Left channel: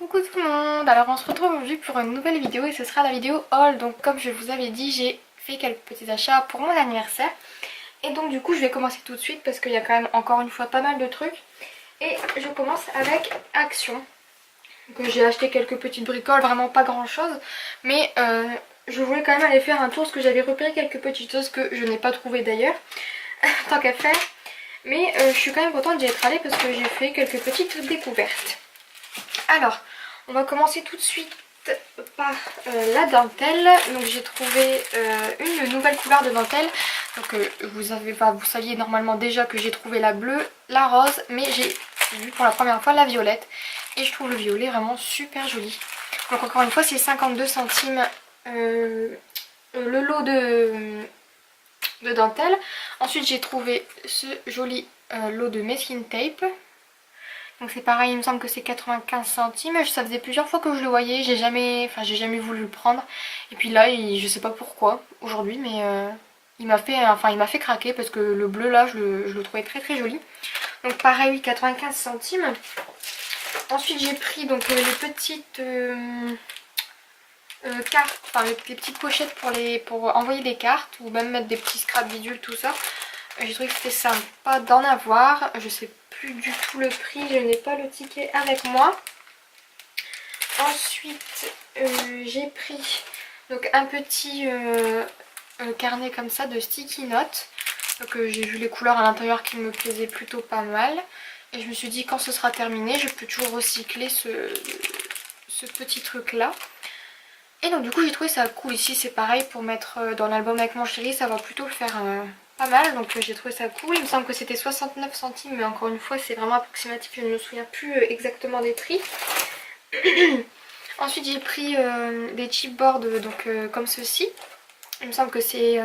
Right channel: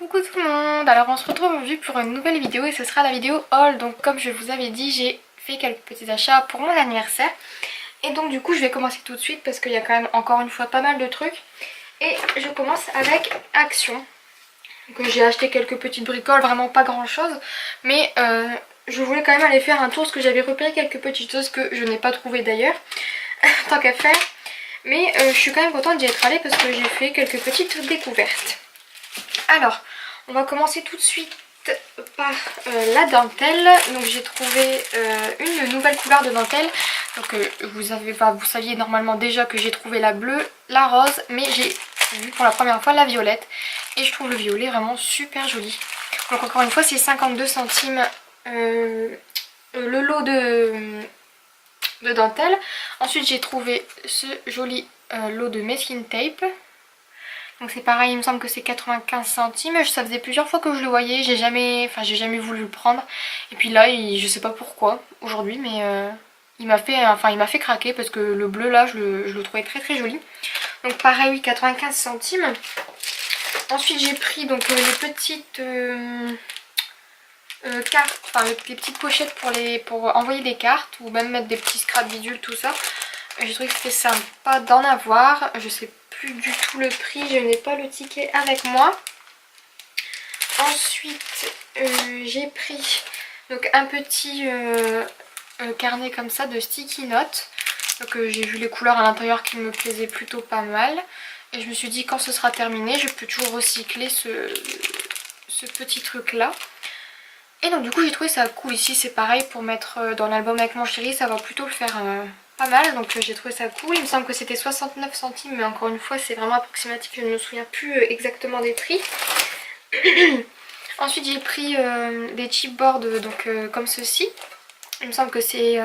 Coucou tout le monde, alors on se retrouve aujourd'hui pour une nouvelle vidéo et ce sera la vidéo haul. Donc comme je vous avais dit, j'ai fait quelques petits achats pour mon anniversaire. Et donc du coup je vais commencer tout de suite parce qu'il y a quand même encore une fois pas mal de trucs. Et je commence avec Action. Donc j'ai acheté quelques petites bricoles, vraiment pas grand chose. Mais je voulais quand même aller faire un tour parce que j'avais repéré quelques petites choses que je n'ai pas trouvées d'ailleurs. Tant qu'à faire. Mais je suis quand même contente d'y être allée parce que j'ai fait quelques petites découvertes. Alors, on va commencer tout de suite par la dentelle. Donc j'ai trouvé une nouvelle couleur de dentelle. Donc vous saviez normalement déjà que j'ai trouvé la bleue, la rose, mais j'ai vu pour la première fois la violette. Et je trouve le violet vraiment super joli. Donc encore une fois c'est 52 centimes le lot de dentelle. Ensuite j'ai trouvé ce joli lot de masking tape. Donc c'est pareil, il me semble que c'est 95 centimes. Ça faisait plusieurs fois que je le voyais, j'ai jamais voulu le prendre. Et puis là, je sais pas pourquoi aujourd'hui, mais il m'a fait craquer parce que le bleu là, je le trouvais très très joli. Donc pareil, 95 centimes. Ensuite j'ai pris donc les petites cartes, enfin les petites pochettes pour envoyer des cartes ou même mettre des petits scrap bidules, tout ça. J'ai trouvé que c'était sympa d'en avoir. Je sais plus du tout le prix, je n'ai pas le ticket avec moi. Ensuite j'ai pris donc un petit carnet comme ça de sticky notes. Donc j'ai vu les couleurs à l'intérieur qui me plaisaient plutôt pas mal. Et je me suis dit quand ce sera terminé, je peux toujours recycler ce petit truc là. Et donc du coup j'ai trouvé ça cool. Ici c'est pareil pour mettre dans l'album avec mon chéri, ça va plutôt le faire pas mal. Donc j'ai trouvé ça cool. Il me semble que c'était 69 centimes, mais encore une fois c'est vraiment approximatif, je ne me souviens plus exactement des prix. Ensuite j'ai pris des chipboards donc comme ceci. Il me semble que c'est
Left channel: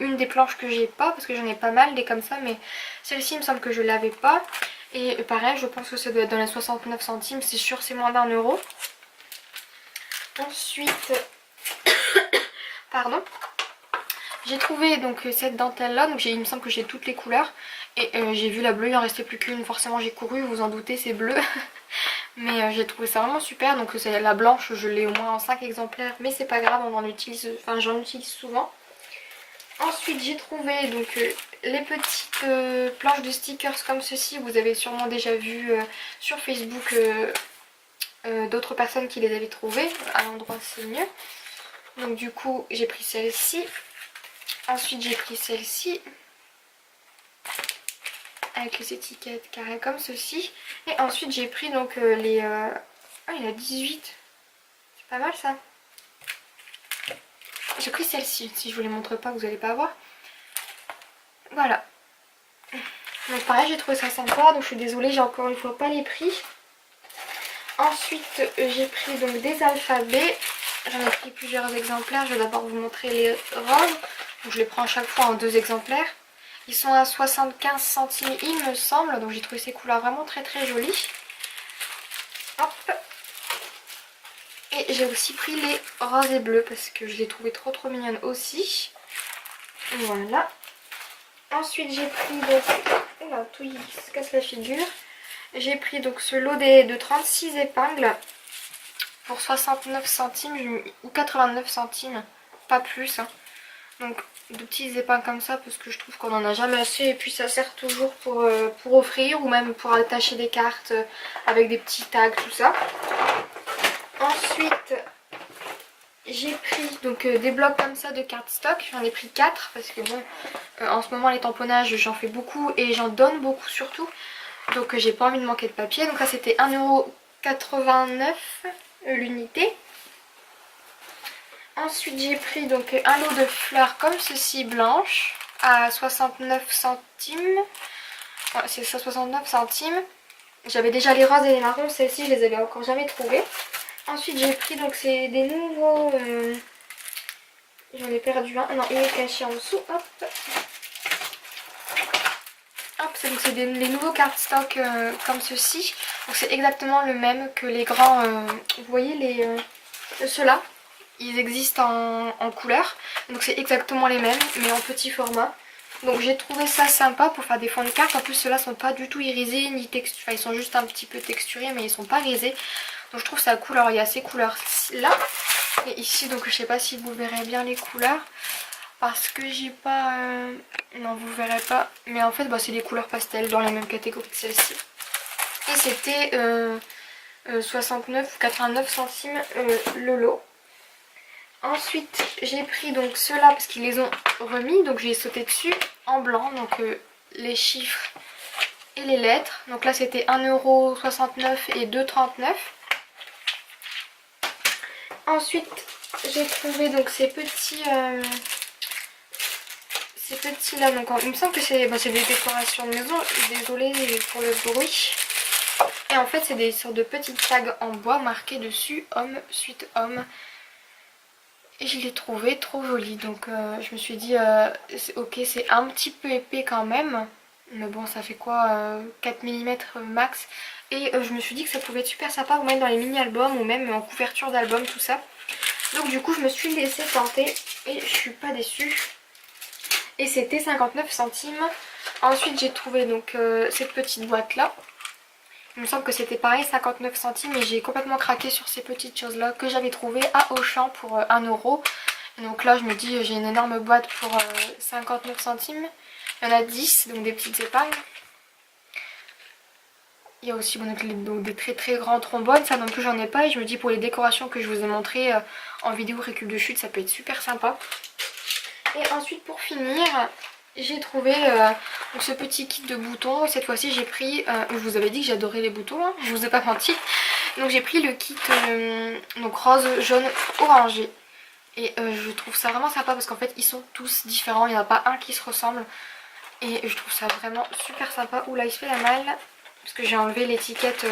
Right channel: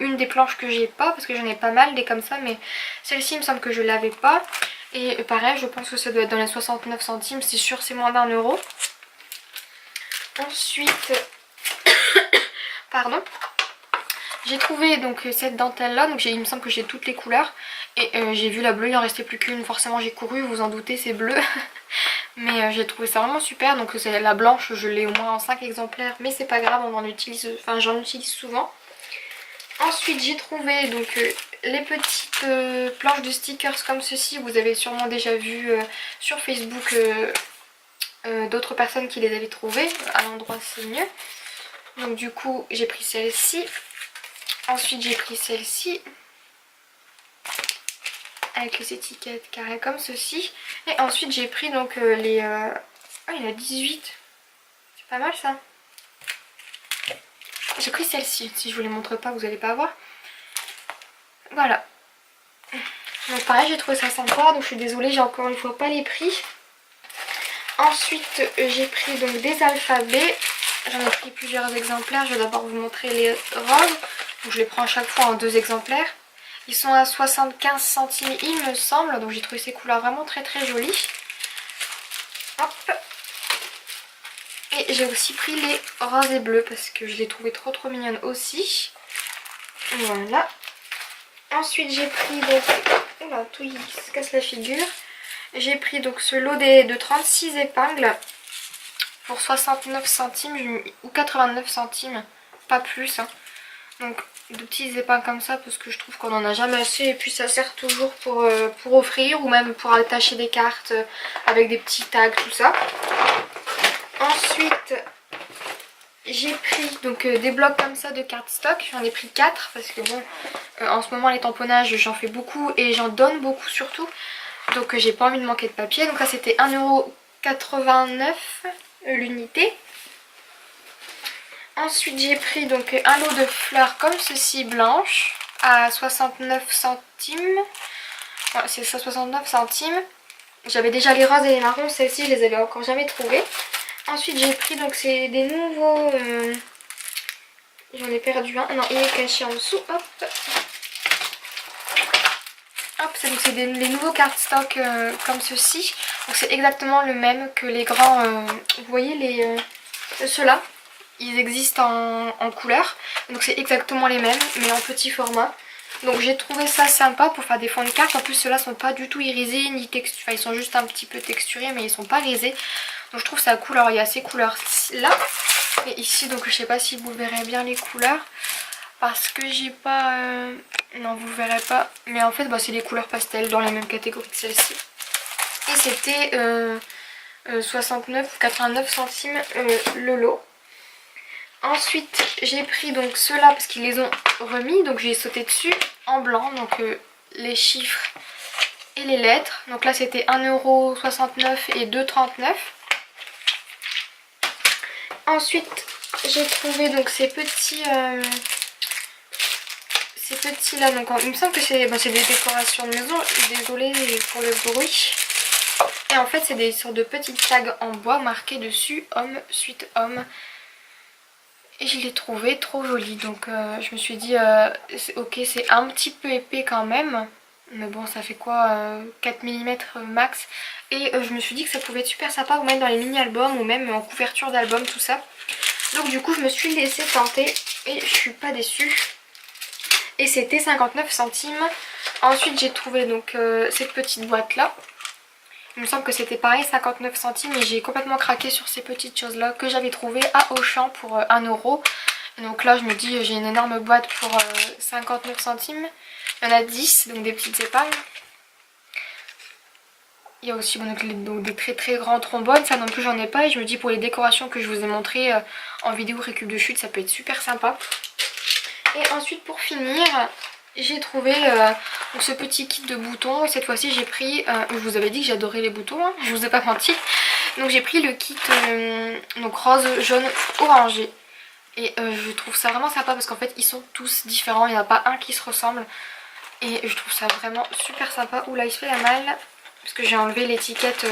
une des planches que j'ai pas, parce que j'en ai pas mal des comme ça, mais celle-ci il me semble que je l'avais pas. Et pareil, je pense que ça doit être dans les 69 centimes, c'est sûr c'est moins d'1 €. Ensuite, pardon, j'ai trouvé donc cette dentelle là, donc il me semble que j'ai toutes les couleurs. Et j'ai vu la bleue, il en restait plus qu'une, forcément j'ai couru, vous vous en doutez c'est bleu. Mais j'ai trouvé ça vraiment super, donc la blanche je l'ai au moins en 5 exemplaires, mais c'est pas grave, j'en utilise souvent. Ensuite j'ai trouvé donc les petites planches de stickers comme ceci, vous avez sûrement déjà vu sur Facebook d'autres personnes qui les avaient trouvées, à l'endroit c'est mieux. Donc du coup j'ai pris celle-ci, ensuite j'ai pris celle-ci avec les étiquettes carrées comme ceci, et ensuite j'ai pris donc les... Oh il y en a 18, c'est pas mal ça. J'ai pris celle-ci, si je vous les montre pas vous allez pas voir. Voilà. Donc pareil j'ai trouvé ça sympa, donc je suis désolée j'ai encore une fois pas les prix. Ensuite j'ai pris donc des alphabets, j'en ai pris plusieurs exemplaires, je vais d'abord vous montrer les roses. Donc je les prends à chaque fois en 2 exemplaires. Ils sont à 75 centimes il me semble, donc j'ai trouvé ces couleurs vraiment très très jolies. Hop. Et j'ai aussi pris les roses et bleus parce que je les trouvais trop trop mignonnes aussi. Voilà. Ensuite j'ai pris donc... Oula, tout il se casse la figure. J'ai pris donc ce lot de 36 épingles pour 69 centimes ou 89 centimes, pas plus. Hein. Donc de petits épingles comme ça parce que je trouve qu'on en a jamais assez et puis ça sert toujours pour offrir ou même pour attacher des cartes avec des petits tags, tout ça. Ensuite j'ai pris donc des blocs comme ça de cardstock, j'en ai pris 4 parce que bon en ce moment les tamponnages j'en fais beaucoup et j'en donne beaucoup surtout. Donc j'ai pas envie de manquer de papier. Donc là c'était 1,89 € l'unité. Ensuite j'ai pris donc un lot de fleurs comme ceci blanches à 69 centimes. Voilà, c'est ça 69 centimes. J'avais déjà les roses et les marrons, celles-ci je les avais encore jamais trouvées. Ensuite j'ai pris donc c'est des nouveaux... J'en ai perdu un, non il est caché en dessous, hop. Hop, c'est les nouveaux cardstock comme ceci. Donc c'est exactement le même que les grands, vous voyez ceux-là. Ils existent en couleur, donc c'est exactement les mêmes mais en petit format. Donc j'ai trouvé ça sympa pour faire des fonds de carte. En plus ceux-là sont pas du tout irisés ni texturés, enfin ils sont juste un petit peu texturés mais ils sont pas irisés. Donc je trouve ça cool. Alors il y a ces couleurs là et ici, donc je sais pas si vous verrez bien les couleurs parce que j'ai pas... Non vous verrez pas, mais en fait bah, c'est des couleurs pastel dans la même catégorie que celle-ci. Et c'était 69 ou 89 centimes le lot. Ensuite j'ai pris donc ceux-là parce qu'ils les ont remis, donc j'ai sauté dessus en blanc, donc les chiffres et les lettres. Donc là c'était 1,69€ et 2,39€. Ensuite j'ai trouvé donc ces petits là, donc il me semble que c'est des décorations de maison, désolée pour le bruit. Et en fait c'est des sortes de petites tags en bois marquées dessus homme suite homme. Et je l'ai trouvé trop joli, donc je me suis dit ok c'est un petit peu épais quand même, mais bon ça fait quoi 4 mm max. Et je me suis dit que ça pouvait être super sympa ou mettre dans les mini-albums ou même en couverture d'album tout ça. Donc du coup je me suis laissée tenter et je suis pas déçue. Et c'était 59 centimes. Ensuite j'ai trouvé donc cette petite boîte là. Il me semble que c'était pareil 59 centimes et j'ai complètement craqué sur ces petites choses là que j'avais trouvées à Auchan pour 1€. Donc là je me dis j'ai une énorme boîte pour 59 centimes. Il y en a 10, donc des petites épingles. Il y a aussi donc des très très grands trombones, ça non plus j'en ai pas. Et je me dis pour les décorations que je vous ai montrées en vidéo récup de chute ça peut être super sympa. Et ensuite pour finir j'ai trouvé ce petit kit de boutons et cette fois-ci j'ai pris, je vous avais dit que j'adorais les boutons, hein, je vous ai pas menti. Donc j'ai pris le kit donc rose, jaune, orangé. Et je trouve ça vraiment sympa parce qu'en fait ils sont tous différents, il n'y en a pas un qui se ressemble. Et je trouve ça vraiment super sympa. Oula il se fait la malle parce que j'ai enlevé l'étiquette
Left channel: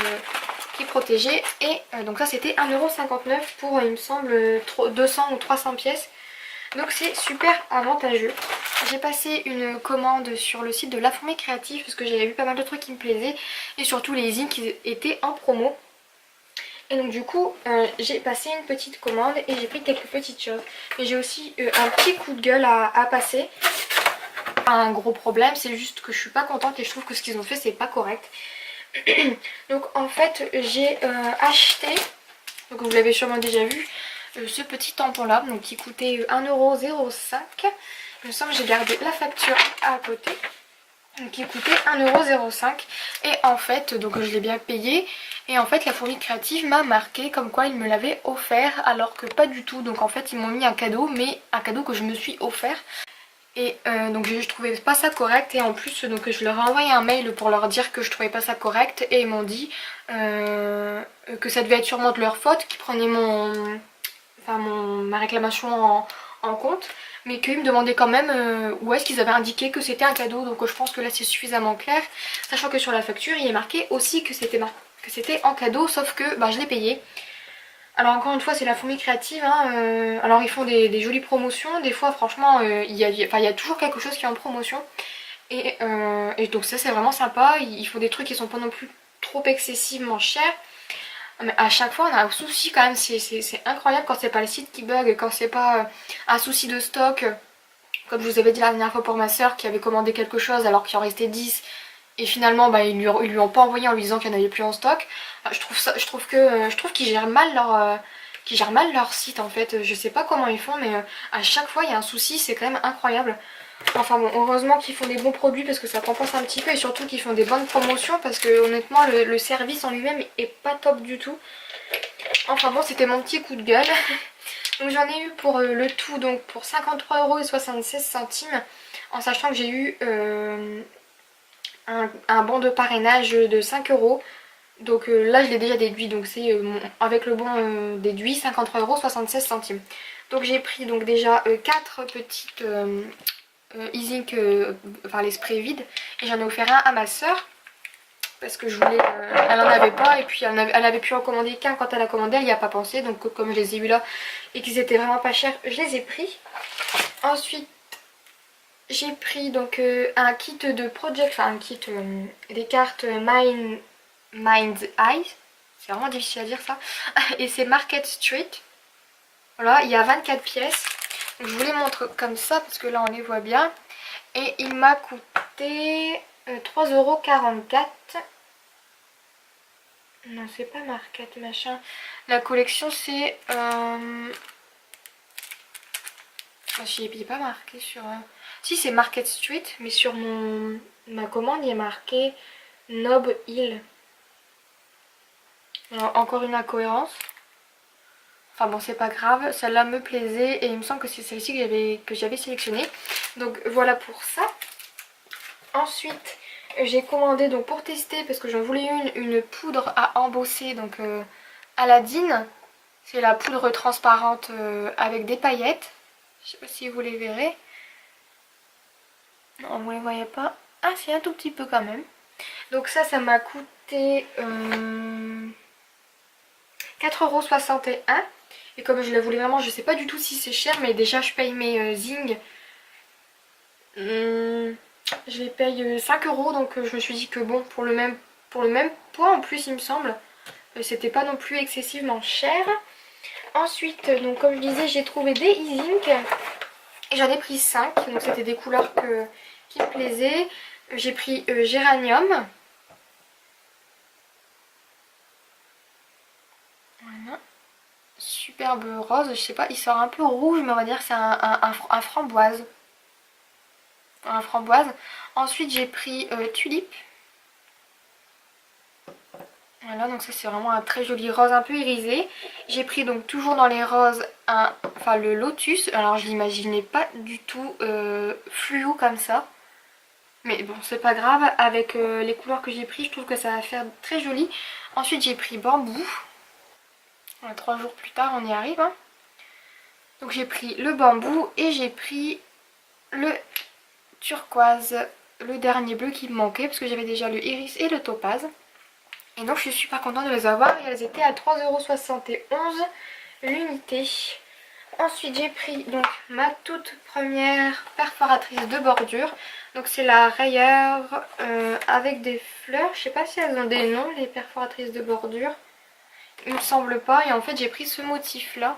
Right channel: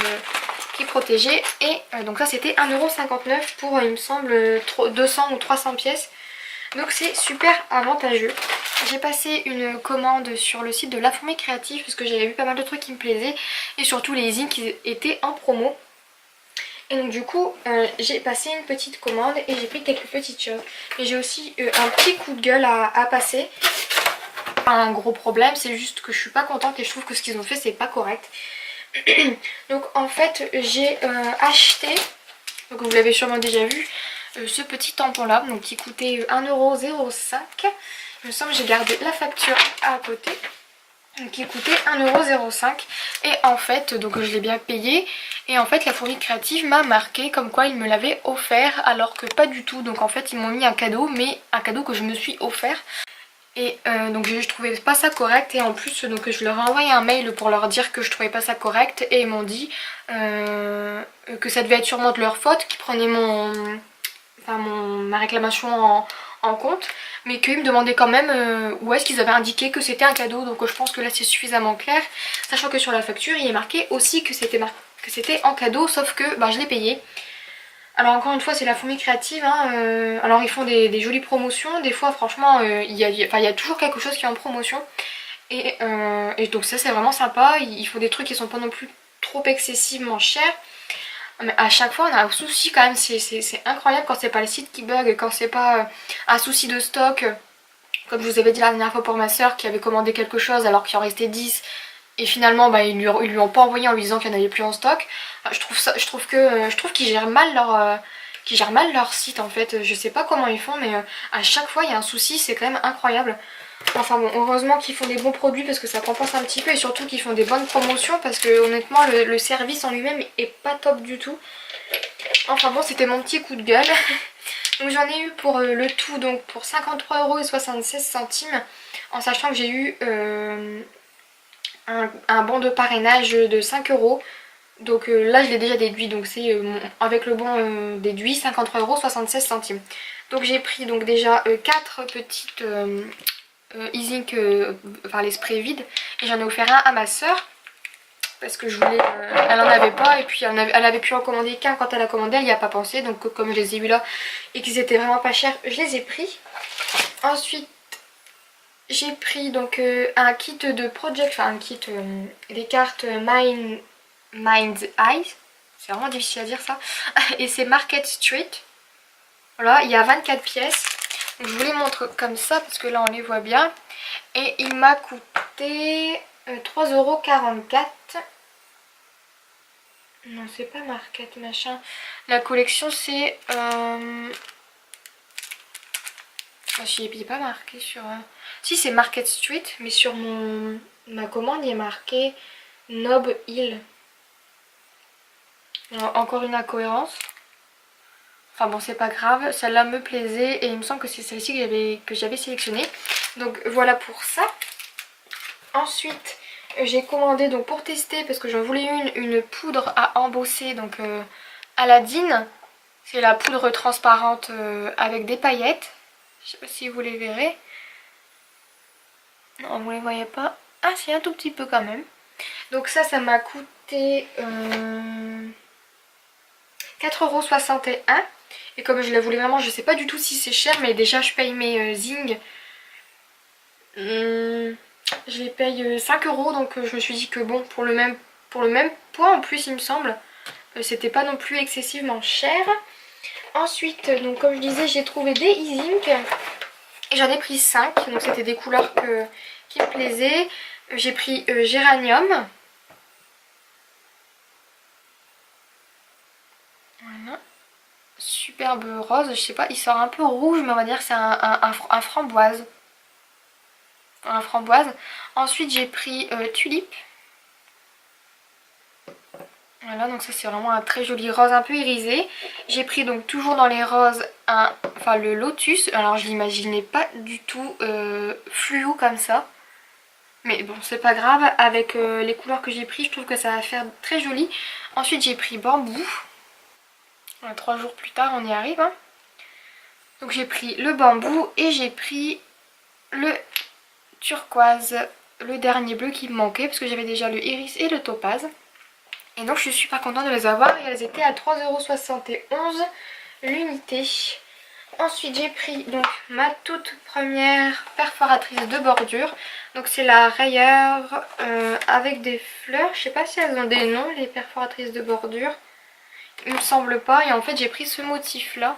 qui protégeait. Et donc ça c'était 1,59€ pour il me semble 200 ou 300 pièces. Donc c'est super avantageux. J'ai passé une commande sur le site de La Fourmi Créative parce que j'avais vu pas mal de trucs qui me plaisaient et surtout les zines qui étaient en promo. Et donc du coup j'ai passé une petite commande et j'ai pris quelques petites choses. Mais j'ai aussi un petit coup de gueule à passer. Un gros problème, c'est juste que je suis pas contente et je trouve que ce qu'ils ont fait c'est pas correct. Donc en fait j'ai acheté, donc vous l'avez sûrement déjà vu, ce petit tampon là donc qui coûtait 1,05€. Il me semble que j'ai gardé la facture à côté qui coûtait 1,05€. Et en fait donc je l'ai bien payé et en fait la Fourmi Créative m'a marqué comme quoi ils me l'avaient offert alors que pas du tout. Donc en fait ils m'ont mis un cadeau, mais un cadeau que je me suis offert. Et donc je trouvais pas ça correct et en plus donc je leur ai envoyé un mail pour leur dire que je trouvais pas ça correct et ils m'ont dit que ça devait être sûrement de leur faute, qu'ils prenaient ma réclamation en compte, mais qu'ils me demandaient quand même où est-ce qu'ils avaient indiqué que c'était un cadeau. Donc je pense que là c'est suffisamment clair, sachant que sur la facture il est marqué aussi que c'était en cadeau, sauf que bah, je l'ai payé. Alors encore une fois c'est La Fourmi Créative, hein, alors ils font des jolies promotions, des fois franchement il y a toujours quelque chose qui est en promotion. Et donc ça c'est vraiment sympa, ils font des trucs qui sont pas non plus trop excessivement chers. Mais à chaque fois on a un souci quand même, c'est incroyable quand c'est pas le site qui bug, quand c'est pas un souci de stock. Comme je vous avais dit la dernière fois pour ma soeur qui avait commandé quelque chose alors qu'il en restait 10. Et finalement bah, ils lui ont pas envoyé en lui disant qu'il n'y en avait plus en stock. Enfin, je trouve qu'ils gèrent mal leur site en fait. Je sais pas comment ils font mais à chaque fois il y a un souci, c'est quand même incroyable. Enfin bon, heureusement qu'ils font des bons produits parce que ça compense un petit peu et surtout qu'ils font des bonnes promotions parce que honnêtement le service en lui-même est pas top du tout. Enfin bon, c'était mon petit coup de gueule. Donc j'en ai eu pour le tout donc pour 53,76€ en sachant que j'ai eu un bon de parrainage de 5€. Donc là je l'ai déjà déduit, donc c'est avec le bon déduit 53,76€. Donc j'ai pris donc déjà 4 petites e-zinc, enfin les sprays vides, et j'en ai offert un à ma soeur parce que je voulais, elle en avait pas et puis elle avait pu en commander qu'un quand elle a commandé, elle n'y a pas pensé, donc comme je les ai eu là et qu'ils étaient vraiment pas chers, je les ai pris. Ensuite j'ai pris donc un kit de project, enfin un kit des cartes Mind's Eye, c'est vraiment difficile à dire ça, et c'est Market Street. Voilà, il y a 24 pièces. Je vous les montre comme ça parce que là on les voit bien. Et il m'a coûté 3,44 €. Non, c'est pas Market machin. La collection c'est... Il n'est pas marqué sur... Si, c'est Market Street, mais sur ma commande il est marqué Nob Hill. Alors, encore une incohérence. Enfin bon, c'est pas grave, celle-là me plaisait et il me semble que c'est celle-ci que j'avais sélectionnée. Donc voilà pour ça. Ensuite, j'ai commandé donc pour tester, parce que j'en voulais une poudre à embosser, donc Aladdin. C'est la poudre transparente avec des paillettes. Je sais pas si vous les verrez. Non, vous les voyez pas. Ah si, un tout petit peu quand même. Donc ça m'a coûté 4,61 €. Et comme je la voulais vraiment, je sais pas du tout si c'est cher, mais déjà je paye mes Zing. Je les paye 5 €, donc je me suis dit que bon, pour le même poids en plus il me semble, c'était pas non plus excessivement cher. Ensuite, donc comme je disais, j'ai trouvé des e-Zink et j'en ai pris 5, donc c'était des couleurs qui me plaisaient. J'ai pris Géranium. Voilà. Superbe rose, je sais pas, il sort un peu rouge, mais on va dire que c'est un framboise. Un framboise. Ensuite j'ai pris Tulipe. Voilà, donc ça c'est vraiment un très joli rose un peu irisé. J'ai pris donc toujours dans les roses le lotus. Alors je l'imaginais pas du tout fluo comme ça. Mais bon, c'est pas grave, avec les couleurs que j'ai pris, je trouve que ça va faire très joli. Ensuite j'ai pris bambou. Voilà, 3 jours plus tard on y arrive. Hein. Donc j'ai pris le bambou et j'ai pris le turquoise, le dernier bleu qui me manquait parce que j'avais déjà le iris et le topaz. Et donc je suis super contente de les avoir et elles étaient à 3,71 € l'unité. Ensuite j'ai pris donc ma toute première perforatrice de bordure. Donc c'est la Rayer avec des fleurs. Je sais pas si elles ont des noms, les perforatrices de bordure. Il me semble pas. Et en fait j'ai pris ce motif là.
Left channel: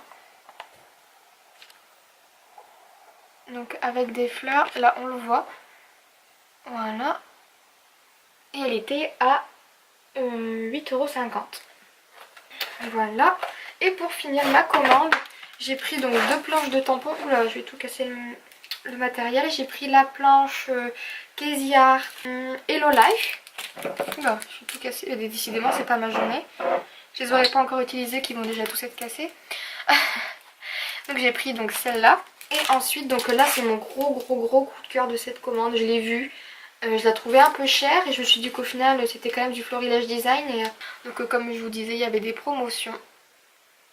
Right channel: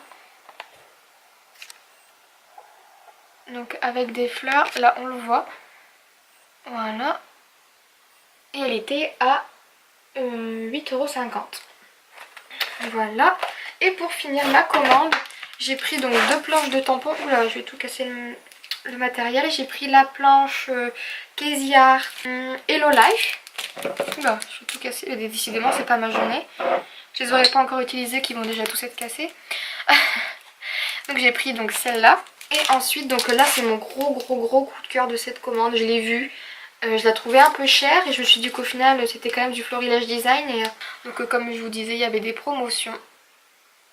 Donc avec des fleurs, là on le voit. Voilà. Et elle était à 8,50 €. Voilà. Et pour finir ma commande, j'ai pris donc 2 planches de tampons. Oula, je vais tout casser le matériel. J'ai pris la planche Casey Art Hello Life. Oula, je vais tout casser. Décidément, c'est pas ma journée. Je les aurais pas encore utilisées qui vont déjà tous être cassés. Donc j'ai pris donc celle-là. Et ensuite, donc là, c'est mon gros coup de cœur de cette commande. Je l'ai vue. Je la trouvais un peu chère et je me suis dit qu'au final c'était quand même du Florilège Design et donc comme je vous disais il y avait des promotions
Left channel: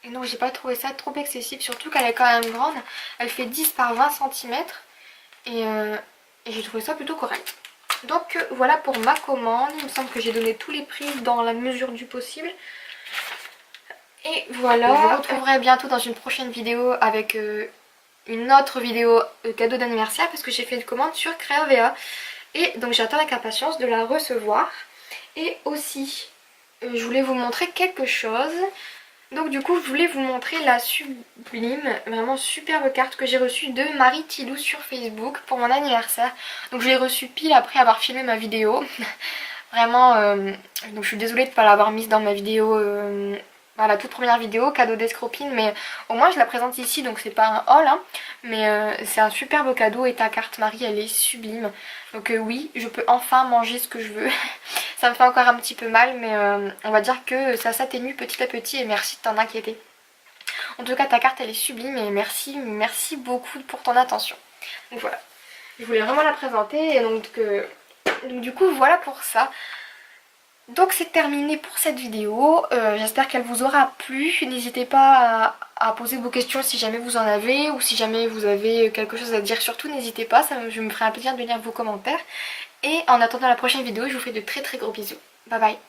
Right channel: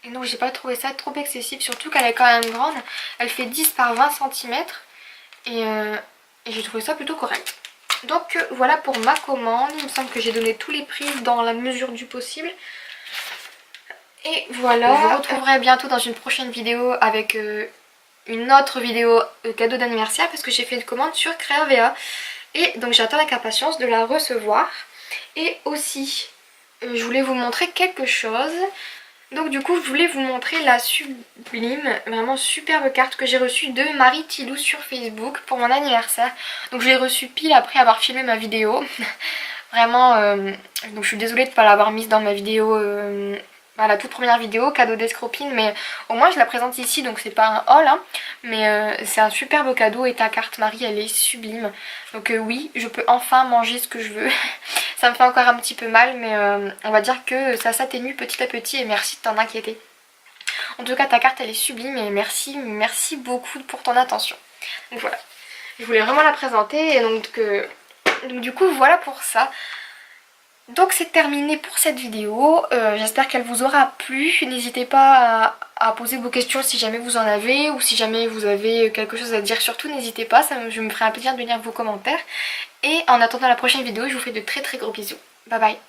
et donc j'ai pas trouvé ça trop excessif, surtout qu'elle est quand même grande, elle fait 10 par 20 cm et j'ai trouvé ça plutôt correct. Donc voilà pour ma commande, il me semble que j'ai donné tous les prix dans la mesure du possible et voilà. Je vous retrouverai bientôt dans une prochaine vidéo avec une autre vidéo cadeau d'anniversaire parce que j'ai fait une commande sur Créavea. Et donc j'attends avec impatience de la recevoir. Et aussi, je voulais vous montrer quelque chose. Donc du coup, je voulais vous montrer la sublime, vraiment superbe carte que j'ai reçue de Marie Tilou sur Facebook pour mon anniversaire. Donc je l'ai reçue pile après avoir filmé ma vidéo. Vraiment, donc je suis désolée de ne pas l'avoir mise dans ma vidéo... la toute première vidéo, cadeau d'escropine, mais au moins je la présente ici, donc c'est pas un haul, hein, mais c'est un superbe cadeau et ta carte Marie elle est sublime. Donc oui, je peux enfin manger ce que je veux. Ça me fait encore un petit peu mal, mais on va dire que ça s'atténue petit à petit et merci de t'en inquiéter. En tout cas ta carte elle est sublime et merci beaucoup pour ton attention. Donc voilà, je voulais vraiment la présenter et donc du coup voilà pour ça. Donc c'est terminé pour cette vidéo, j'espère qu'elle vous aura plu, n'hésitez pas à poser vos questions si jamais vous en avez ou si jamais vous avez quelque chose à dire, surtout n'hésitez pas, je me ferai un plaisir de lire vos commentaires. Et en attendant la prochaine vidéo, je vous fais de très gros bisous, bye bye.